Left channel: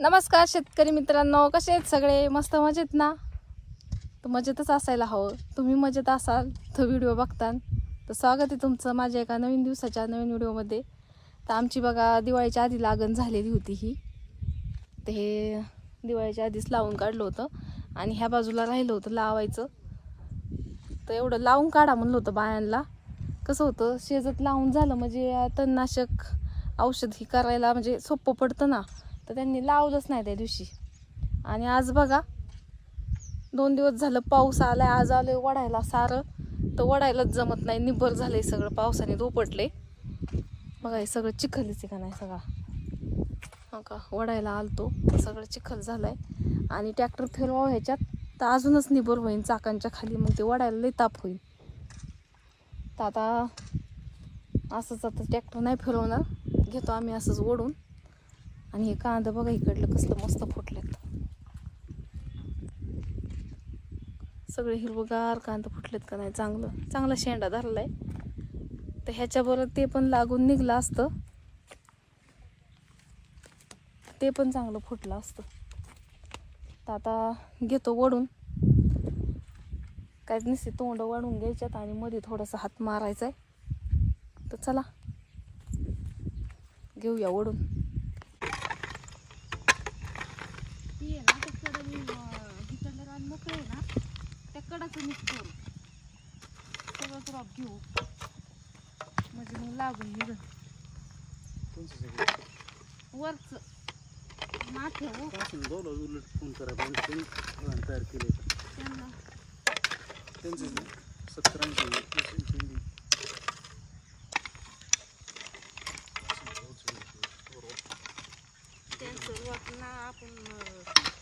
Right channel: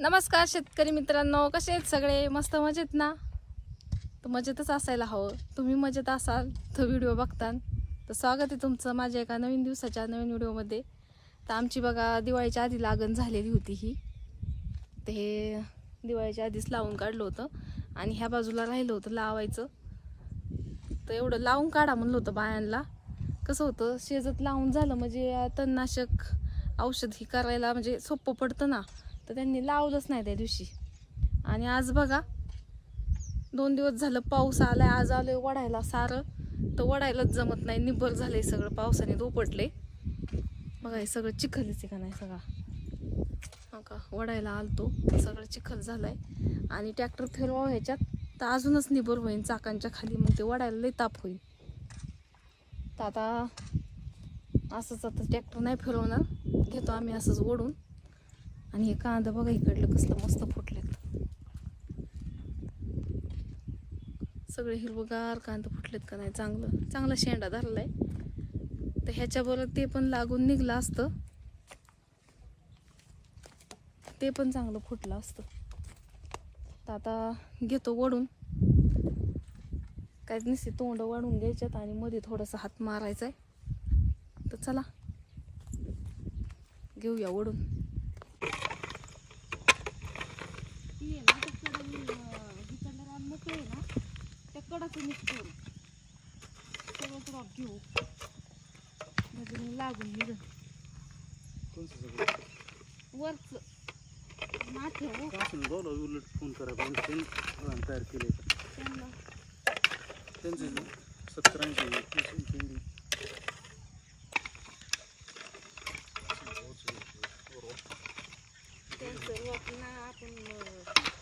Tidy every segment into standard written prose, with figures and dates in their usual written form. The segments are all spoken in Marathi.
नमस्कार शेतकरी मित्रांनो, कसे आहेत सगळे? मस्त मजेत ना? तर मजेतच असायला हवं. तुम्ही मजेत असाल तर व्हिडिओ बघता. तर स्वागत आहे तुमचं माझ्या एका नवीन दिवसाच्या नवीन व्हिडिओमध्ये. तर आमची बघा दिवाळीच्या आधी लागण झालेली होती ही. ते हे दिवाळीच्या आधीच लावून काढलं होतं आणि ह्या बाजूला राहिलं होतं लावायचं. तर एवढं लावून काढा म्हणलं होतं बायांना. कसं होतं, शेजत लावून झालं म्हणजे तणनाशक औषध ही करायला म्हणजे सोपं पडतं ना. तर त्यांनी लावलंच नाही त्या दिवशी. आणि आज बघा 2 दिवस झालं पाऊस आलाय. आज आलोय वडायला सारं, तर वडायलाच जमत नाही. निब्बर झालंय सगळं, पावसाने धोपटले बघा. हे सगळं चिखलच आहे का नाही सगळा. हो का, वडायला आलतो तर सगळं चिखल झालाय. आणि ट्रॅक्टर फिरवा ह्याच्यात तर अजूनच निब्बर होईल चाकांच्या खाली, मग ते वडायला लई ताप होईल. तर आता असंच, आता ट्रॅक्टर नाही फिरवणार, घेतो आम्ही असंच ओढून. आणि हे कांदा बघा इकडलं कसलं मस्त फुटलेत, सगळे हिरवगार कांदा फुटलेत का नाही. चांगला शेंडा धरलाय. तर ह्याच्याबरोबर ते पण लागून निघलं असतं, ते पण चांगलं फुटलं असतं. तर आता घेतो ओढून. काय नसते, तोंड वाढून घ्यायच्यात आणि मध्ये थोडासा हात मारायचा आहे. तर चला घेऊया ओढून. मोकळे ना त्या कडाचं मिक्स करू, सगळं क्रॉप घेऊ म्हणजे मग लागून निघ. वरच ना ठेवू. उलट फोन करा तयार केलं होतं त्यांचं 70-80 त्यांचं वाटणं आपण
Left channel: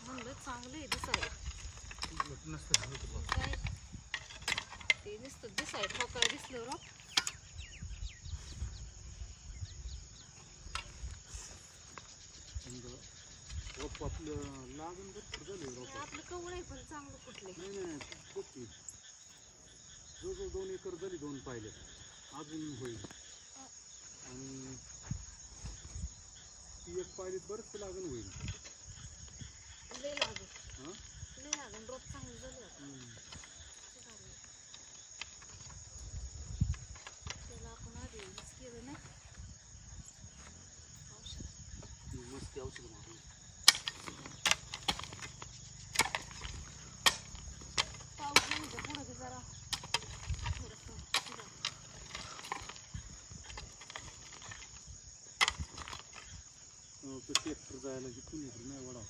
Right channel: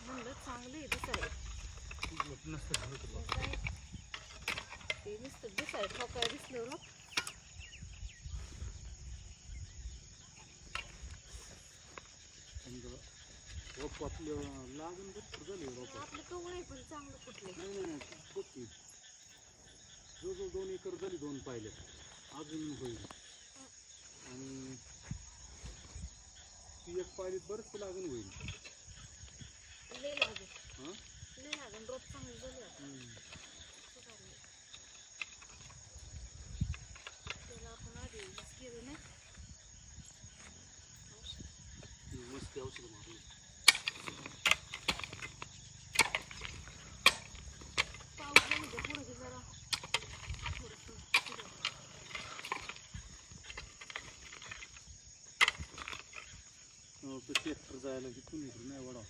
म्हणलं चांगलं आहे दिसायला. ते नुसतं दिसाय ठोकाय दिसलं ना. आपलं लागण भरपूर झाली. आपलं कवळ आहे पण चांगलं कुठले. नाही जो 2 एकर झाली, 2 पायल्यात अजून होईल. आणि ती एक पायलीत बरंच लागण होईल. लय लागण रोप चांगली झाली. त्याला आपण आधी केलं नाही मस्त औषध मारली. पाऊस नाही तर पुढे जरा ट्रॅक्टर जायला इथून इकडे नाही वडा.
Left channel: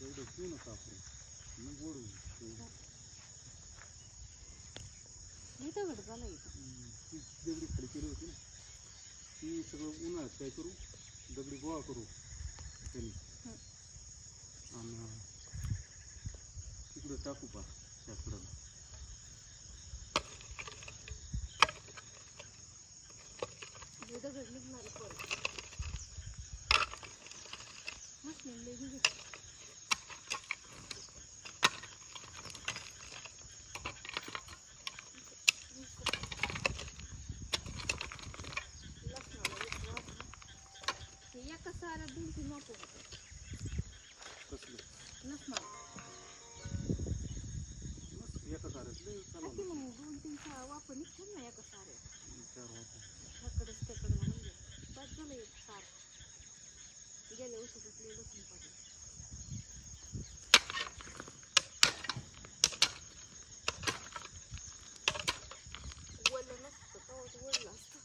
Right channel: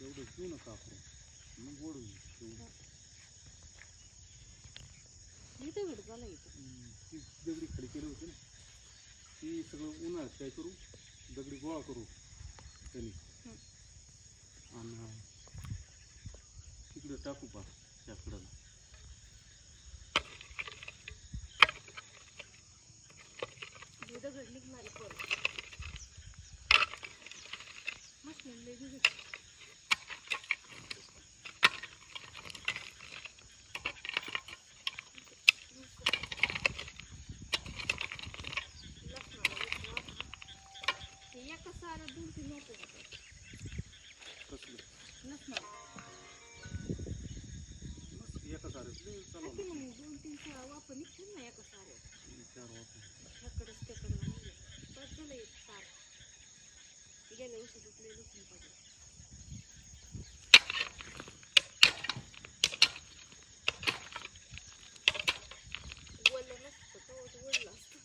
एवढं घेऊ नका आपण, मग ओढू. मी दगड झालं ती दगडी खाली केली होती ना, ती सगळं उन्हाळ्यात काय करू, दगडी गोळा करू त्यांनी आणि तिकडे टाकू पा त्याकडाला. दगड निघणारे परत मशीन लय दिसत. एका साऱ्या 2-3 नको नसणार. एका साऱ्यात 2-3 वापर निघतात ना एका साऱ्या. 4 वापर ह्याकडेच त्याकडे म्हणजे बस झालं. एक सार गेल्या वर्षीच लय लसूण पडलं. वळलं नसतं तेव्हाच वळलं असतं.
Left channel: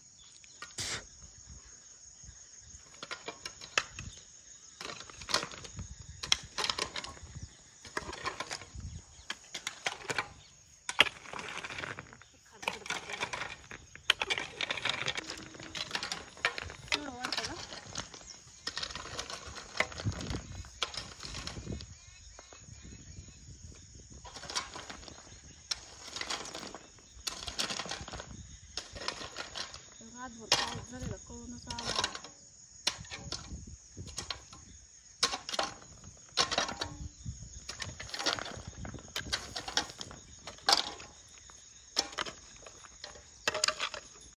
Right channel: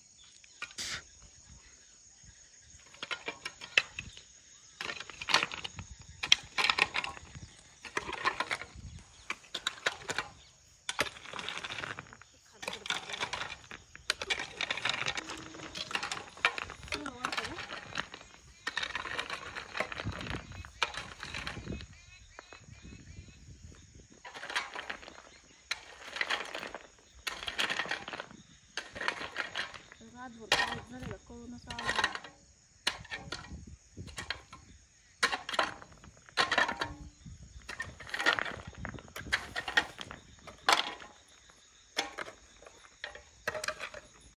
रातभर पाऊस झालेला कळूनच आला.